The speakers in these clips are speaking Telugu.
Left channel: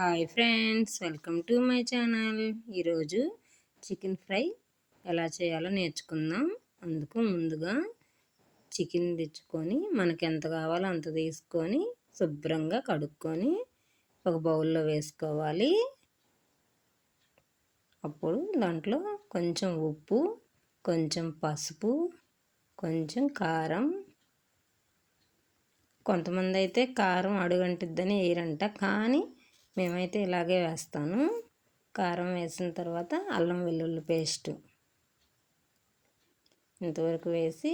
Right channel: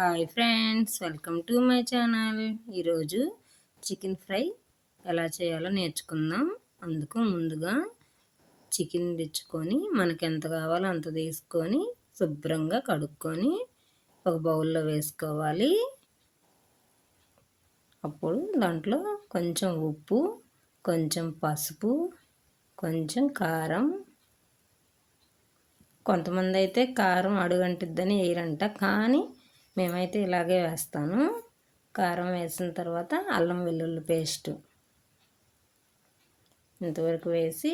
Hi friends, welcome to my channel. ఈరోజు చికెన్ ఫ్రై ఎలా చేయాలో నేర్చుకుందాం. అందుకు ముందుగా చికెన్ తెచ్చుకొని మనకి ఎంత కావాలో అంత తీసుకొని శుభ్రంగా కడుక్కొని ఒక బౌల్లో వేసుకోవాలి. అప్పుడు దాంట్లో కొంచెం ఉప్పు, కొంచెం పసుపు, కొంచెం కారం. కొంతమంది అయితే కారం అడుగంటిద్దని వేయరంట, కానీ మేమైతే ఇలాగే వేస్తాను. కారం వేసిన తర్వాత అల్లం వెల్లుల్లి పేస్టు ఇంతవరకు వేసి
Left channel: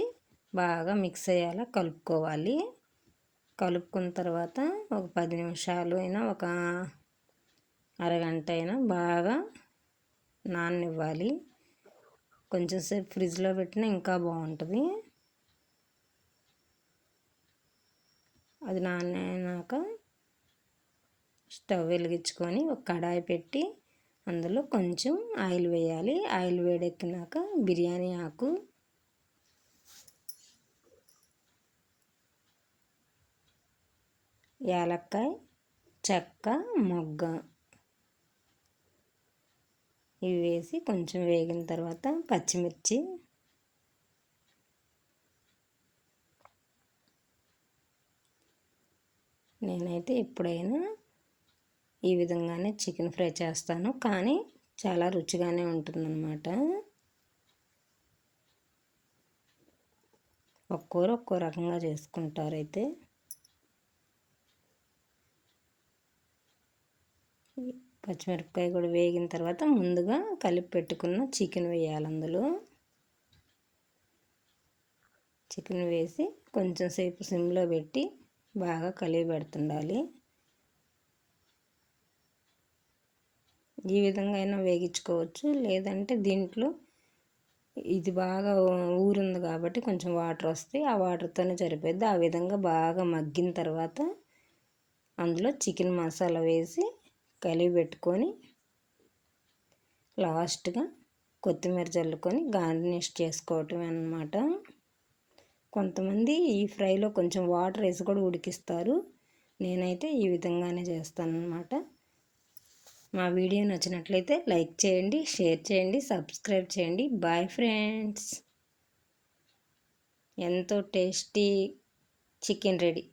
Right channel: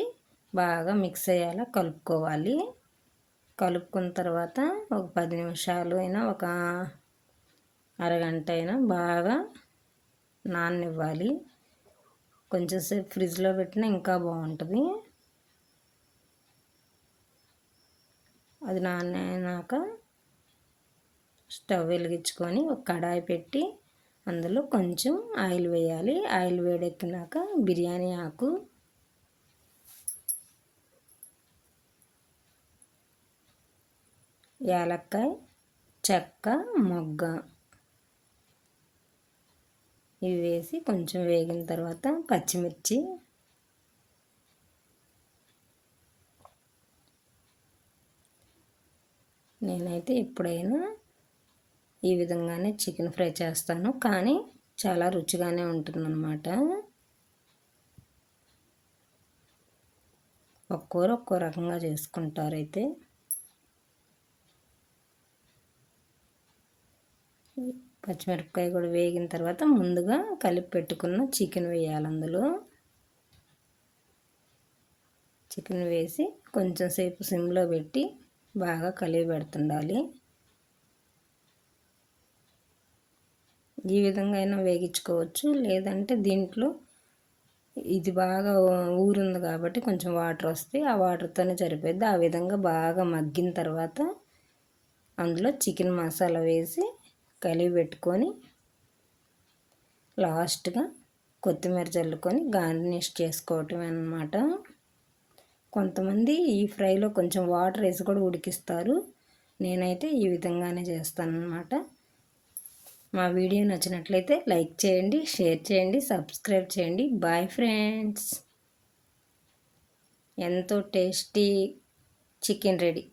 బాగా మిక్స్ అయ్యేలా కలుపుకోవాలి. కలుపుకున్న తర్వాత ఒక 10 నిమిషాలు అయినా ఒక అరగంట అయినా బాగా నాననివ్వాలి. కొంచెం సేపు ఫ్రిడ్జ్లో పెట్టినా ఇంకా బాగుంటుంది. అది నానాక స్టవ్ వెలిగించుకొని ఒక కడాయి పెట్టి అందులో కొంచెం ఆయిల్ వేయాలి. ఆయిల్ వేడెక్కినాక బిర్యానీ ఆకు, యాలక్కాయ, చెక్క, మొగ్గ ఇవి వేసి కొంచెం వేగిన తర్వాత పచ్చిమిర్చి, నేనైతే ఎప్పుడైనా ఈ విధంగానే చికెన్ ఫ్రై చేస్తాను, కానీ చాలా రుచిగానే ఉంటుందన్నమాట. ఒక్కోరు ఒక్కో రకంగా చేసుకుంటారు. అయితే పచ్చిమిరపకాయ కూడా వేగిన తర్వాత ముందుగా కలిపి పెట్టుకున్న చికెన్ వేయాలి. అందులో చికెన్ వేసి కొంచెం సేపు సిమ్లో పెట్టి బాగా కలిపి పెడుతుండాలి. ఈ విధంగా అయినా వేగించుకోవచ్చు, లేదంటే దీంట్లో ఇది బాగా ఊరుంది కాబట్టి కొంచెం వాటర్ వస్తే ఆ వాటర్తోనే సరిపోద్ది. ఆ విధంగా బాగా మగ్గిన తర్వాత అందులో చికెన్ మసాలా వేసి కలిపి పెట్టుకొని లాస్ట్గా కొత్తిమీర చల్లుకొని గార్నిష్ చేసుకోవటమే అన్నమాట. కొంతమంది ఈ ఫ్రైలో కొంచెం వాటర్ వేసి కూడా ఉడికిస్తారు. నేనైతే ఈ విధంగానే చేస్తానన్నమాట. మా వీడియో నచ్చినట్లయితే లైక్ చేయండి, షేర్ చేయండి, సబ్స్క్రైబ్ చేయండి. Bye friends. ఎంతో టేస్టీ చికెన్ రెడీ.